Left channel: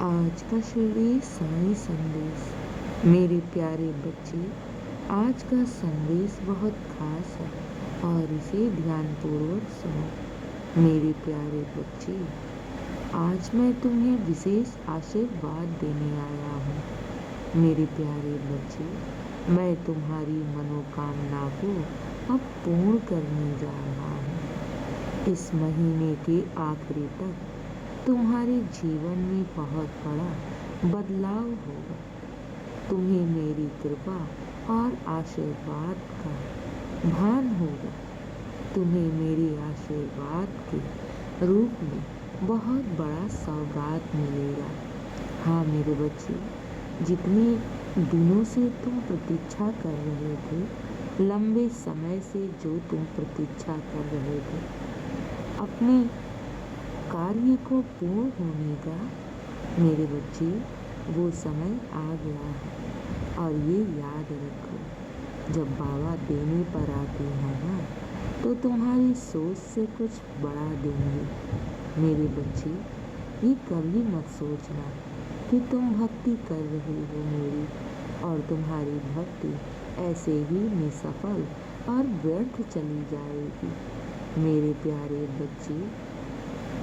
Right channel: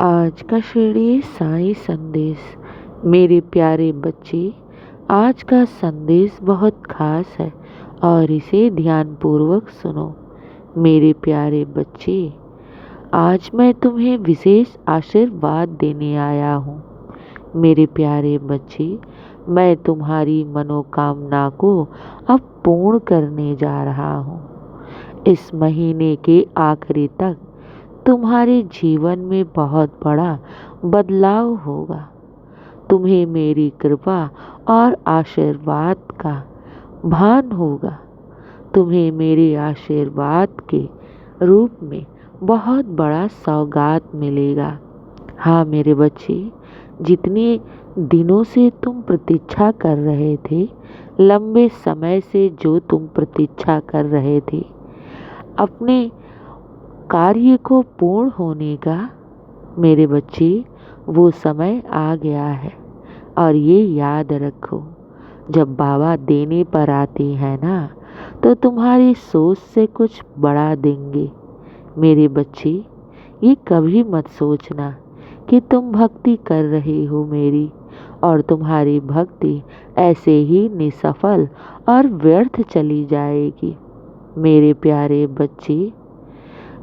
आज का शिरडी साई संदेश। मेरे प्यारे बच्चे, आज का संदेश बहुत खास है और इसे ध्यानपूर्वक सुनो। मेरे प्यारे बच्चे, आज मैं तुम्हें विशेष आशीर्वाद देने आया हूँ। मेरे प्यारे बच्चे, मैं तुम्हारी मनोकामना को अब पूर्ण करने जा रहा हूँ। इस महीने के आखिरी तक तुम्हारे जीवन में बहुत बड़ा बदलाव होगा। तुम्हें मेरी कृपा और आशीर्वाद का भान होगा। तुम्हें मेरे आशीर्वाद के रूप में बहुत बड़ा सौगात मिलेगा। हाँ मेरे बच्चे, जितने दिनों से तुम प्रतीक्षा कर रहे थे, लंबे समय से जो तुम प्रतीक्षा कर रहे थे, अपने कार्य को पूर्ण होने का, मेरे बच्चे, वो समय आ गया है। और ये याद रखो, जब बाबा देने पर आते हैं ना, तो तुम्हारी सोच से कुछ बड़ा देंगे। मेरे बच्चे, ये कभी मत सोचना कि तुम भक्ति कर रहे हो मेरी, और तुम्हारी भक्ति ऐसे ही निसफल और व्यर्थ चली जाएगी। मेरे प्यारे बच्चे,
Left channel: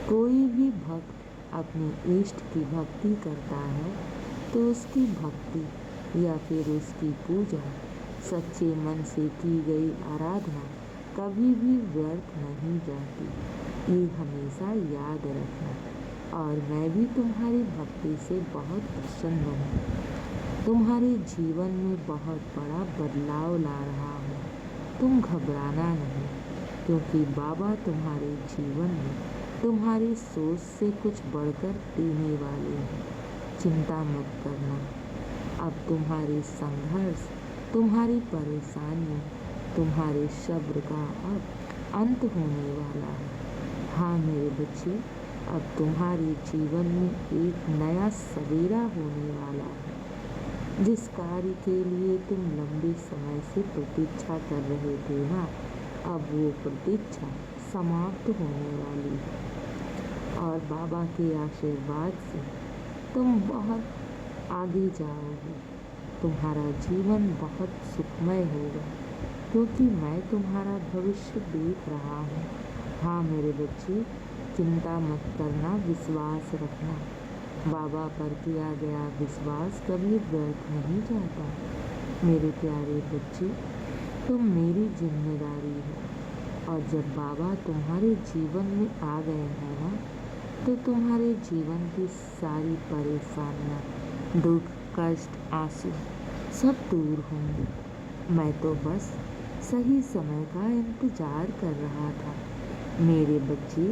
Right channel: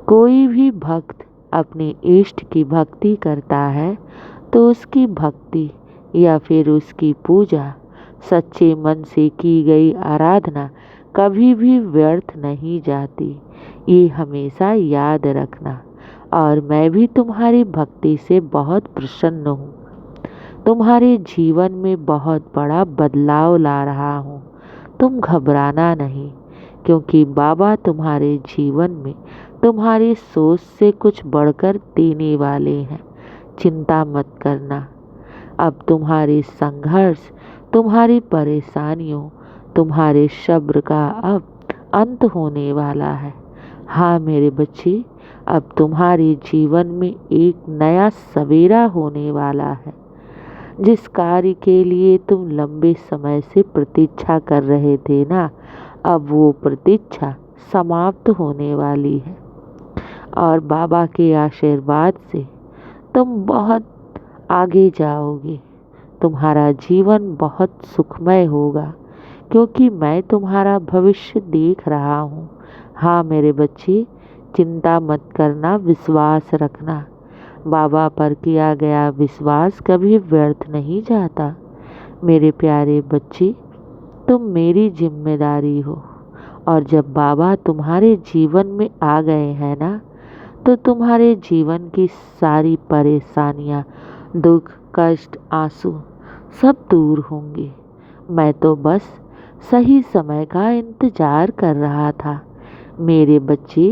कोई भी भक्त अपने इष्ट की भक्ति करता है तो उसकी भक्ति या फिर उसकी पूजा, सच्चे मन से की गई आराधना कभी भी व्यर्थ नहीं जाती। ये हमेशा याद रखना। और मैं भी तुम्हारी भक्ति से बहुत प्रसन्न हूँ। तुम्हारे जीवन में बहुत बड़ा बदलाव ला रहा हूँ। तुम घबराना नहीं, क्योंकि बाबा तुम्हारे जीवन में तुम्हारी सोच से कुछ बढ़कर देने वाले हैं। चिंता मत करना। अब तुम्हारे संघर्ष, तुम्हारी परेशानियों, तुम्हारे सब्र का अब अंत होने वाला है। हाँ मेरे बच्चे, अब तुम्हारे जीवन में एक नया सवेरा होने वाला है। जिस कार्य के लिए तुम लंबे समय से प्रतीक्षा कर रहे थे ना, अब वो प्रतीक्षा समाप्त होने वाली है। और बाबा के आशीर्वाद से तुम बहुत आगे जाओगे। तुम्हारा जीवन बहुत सुखमय होगा, क्योंकि मैं तुम्हारा भविष्य देख रहा हूँ। हाँ मेरे बच्चे, चिंता मत करना, विश्वास रखना। बाबा पर किया गया विश्वास कभी व्यर्थ नहीं जाता। मेरे प्यारे बच्चे, तुम मेरी जिम्मेदारी हो, और जब बाबा तुम्हारे जीवन में आ गए हैं ना, तो तुम्हारे जीवन की सारी परेशानियां, दुख, कष्ट, आंसू सब दूर होंगे। मैं तो बस सही समय का इंतजार कर रहा था। मेरे बच्चे,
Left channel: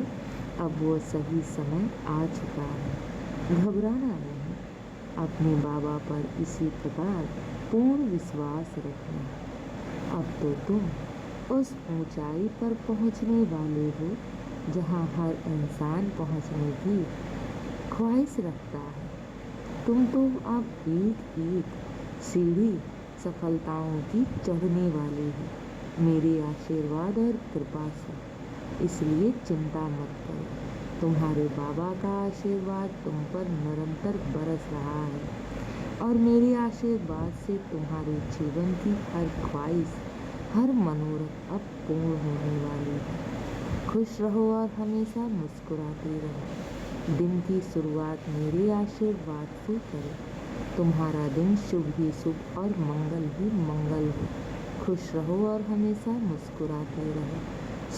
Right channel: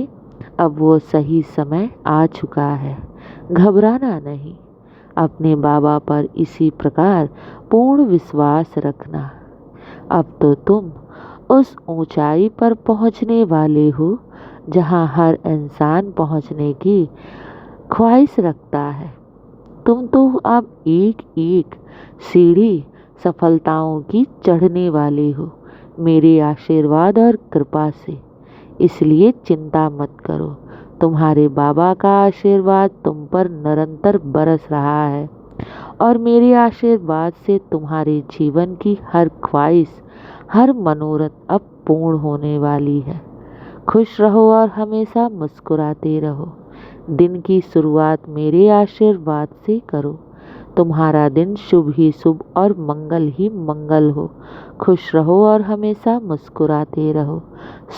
अब वो सही समय आ चुका है। घबराना नहीं। अपने बाबा पर इसी प्रकार पूर्ण विश्वास रखना। अब तो तुम उस ऊंचाई पर पहुंचने वाले हो जहां हर इंसान पहुंचने की ख्वाहिश रखता है। तुम तो अब एक एक सीढ़ी सफलताओं की चढ़ने वाले हो, मेरे आशीर्वाद और कृपा से। इसलिए चिंता मत करो। तुम्हारे बाबा का आशीर्वाद तुम पर निरंतर बरस रहा है, और मेरे आशीर्वाद से तुम्हारे जीवन की हर ख्वाहिश, हर मनोरथ अब पूर्ण होने वाली है। खुश रहो और हमेशा मुस्कुराते रहो। दिन की शुरुआत मेरे आशीर्वाद से करो। तुम्हारा दिन शुभ ही शुभ और मंगल ही मंगल हो। खुश रहो और हमेशा मुस्कुराते रहो।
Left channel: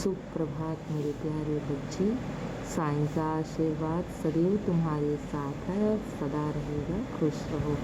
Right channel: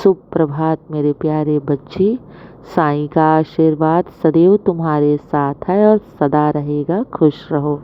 शुभ प्रभात मेरे प्यारे बच्चे। साईं का आशीर्वाद सदैव तुम्हारे साथ है और सदा रहेगा। खुश रहो।